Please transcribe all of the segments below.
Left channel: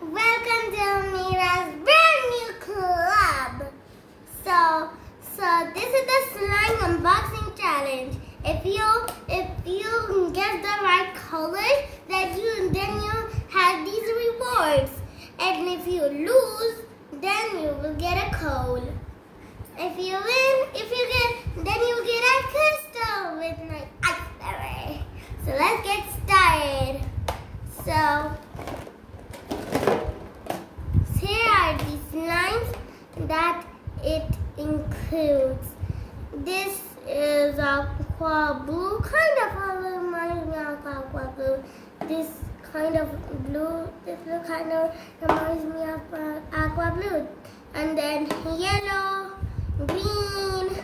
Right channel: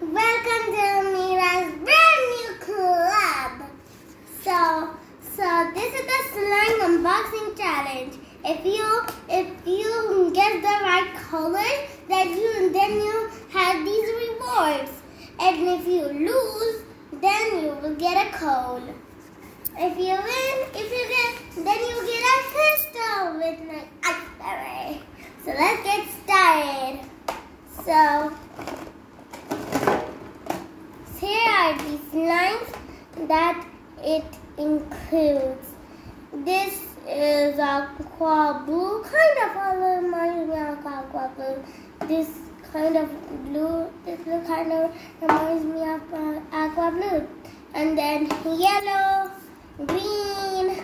Welcome to Ameera's brand new club. So this is the slime unboxing challenge. If you get the right colors, then you have these rewards. And if you lose, then you will get a coal. If you win, then you get a crystal with my iceberry. So let's get started. So here are the slimes that it includes. This is aqua blue, kind of all reminds me of aqua blue. This kind of blue, this blue kind of reminds me of aqua blue. And then yellow, green,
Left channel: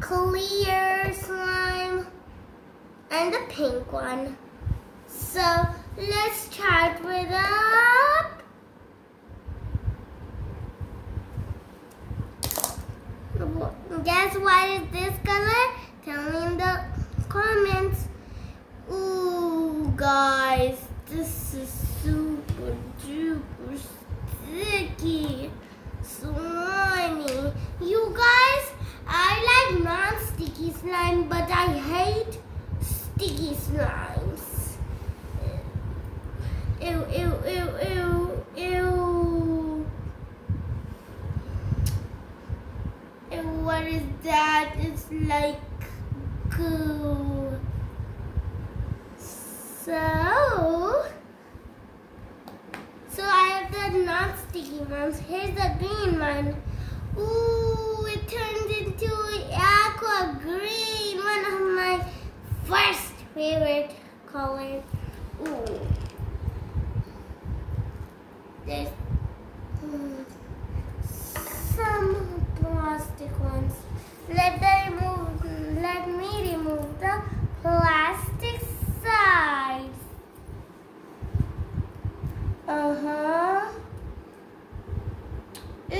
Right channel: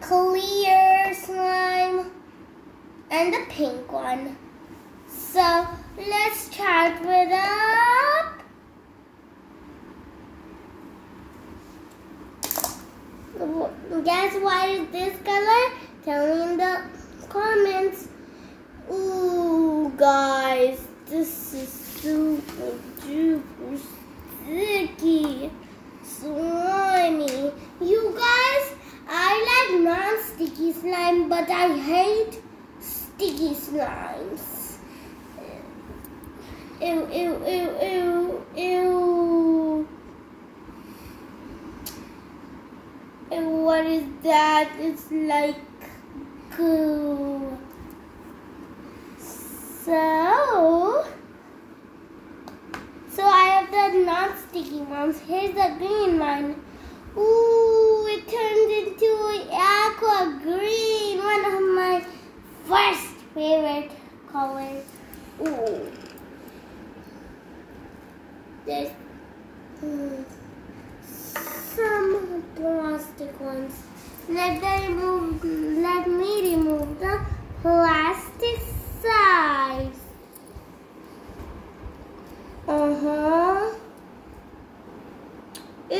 clear slime, and the pink one. So let's start with up. Guess what is this color? Tell me in the comments. Ooh, guys, this is super duper sticky, slimy. You guys, I like non-sticky slime, but I hate sticky slimes. Ew, ew, ew, ew, ew. And what is that? It's like goo. So I have the non-sticky ones. Here's the green one. Ooh, it turned into aqua green, one of my first favorite colors. Ooh. There's some plastic ones. Let me remove the plastic sides. Ew.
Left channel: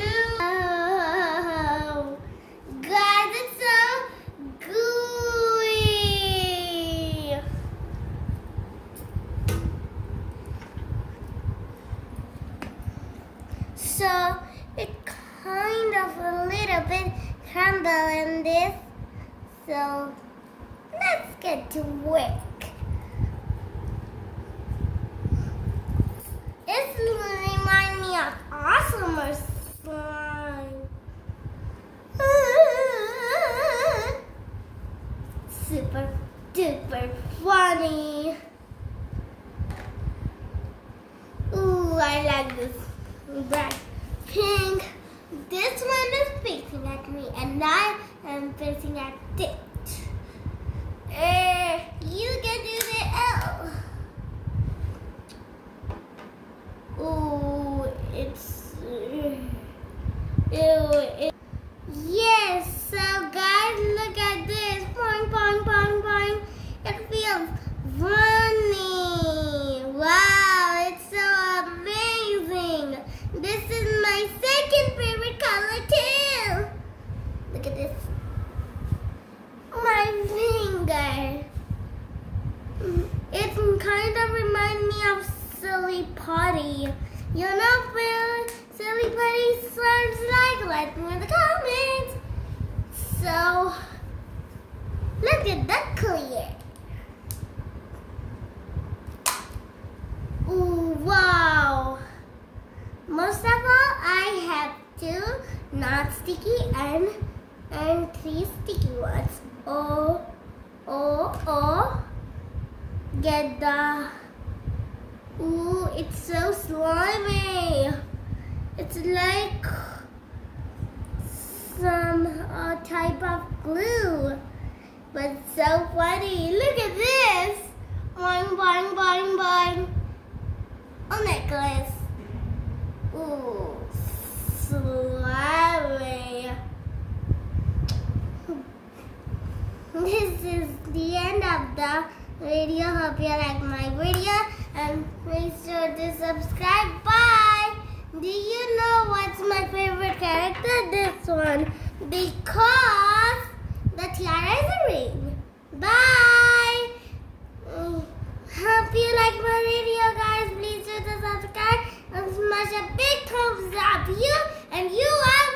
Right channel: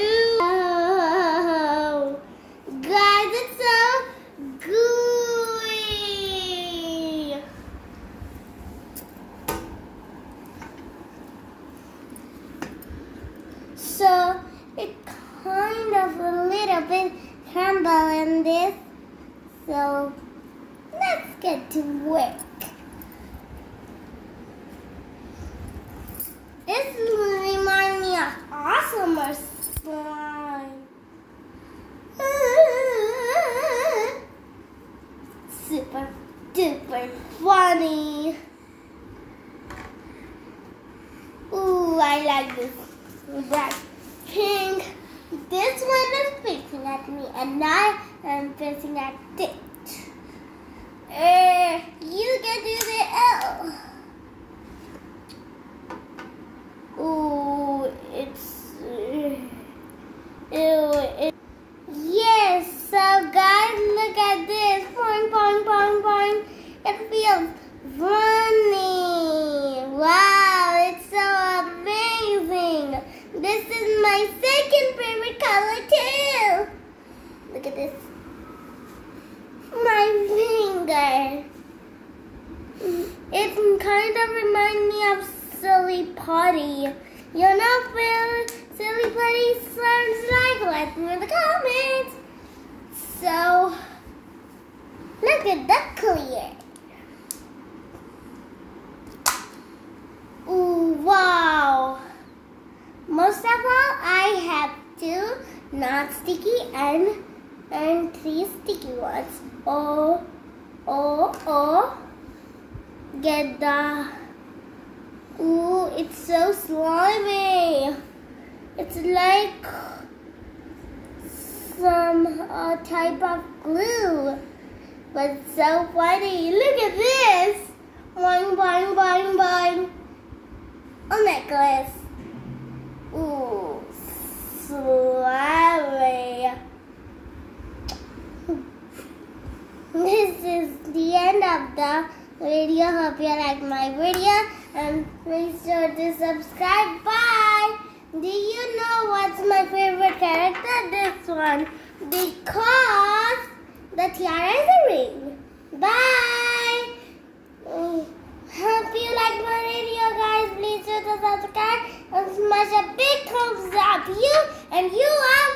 Guys, it's so gooey. So it kind of a little bit crumble in this. So let's get to work. This reminds me of awesomer slime. Super duper funny. Ooh, I like this. That pink. This one is facing at me, and I am facing at it. You can do the L. Ooh, it's ew. Yes, so guys, look at this. Boing, boing, boing, boing. It feels runny. Wow, it's so amazing. This is my second favorite color too. Look at this. My finger. It kind of reminds me of Silly Putty. You know what Silly Putty slimes like? Let me know in the comments. So, look at that clear. Ooh, wow. Most of all, I have 2 non-sticky and 3 sticky ones. Oh. Get the... Ooh, it's so slimy. It's like some type of glue. But so funny. Look at this. Boing, boing, boing, boing. A necklace. Ooh, slimy. This is the end of the video. Hope you liked my video. And please sure to subscribe. Bye. Do you know what's my favorite character? This one. Because the tiara is a ring. Bye. Hope you like my video, guys. Please sure to subscribe and us a big thumbs up. And you are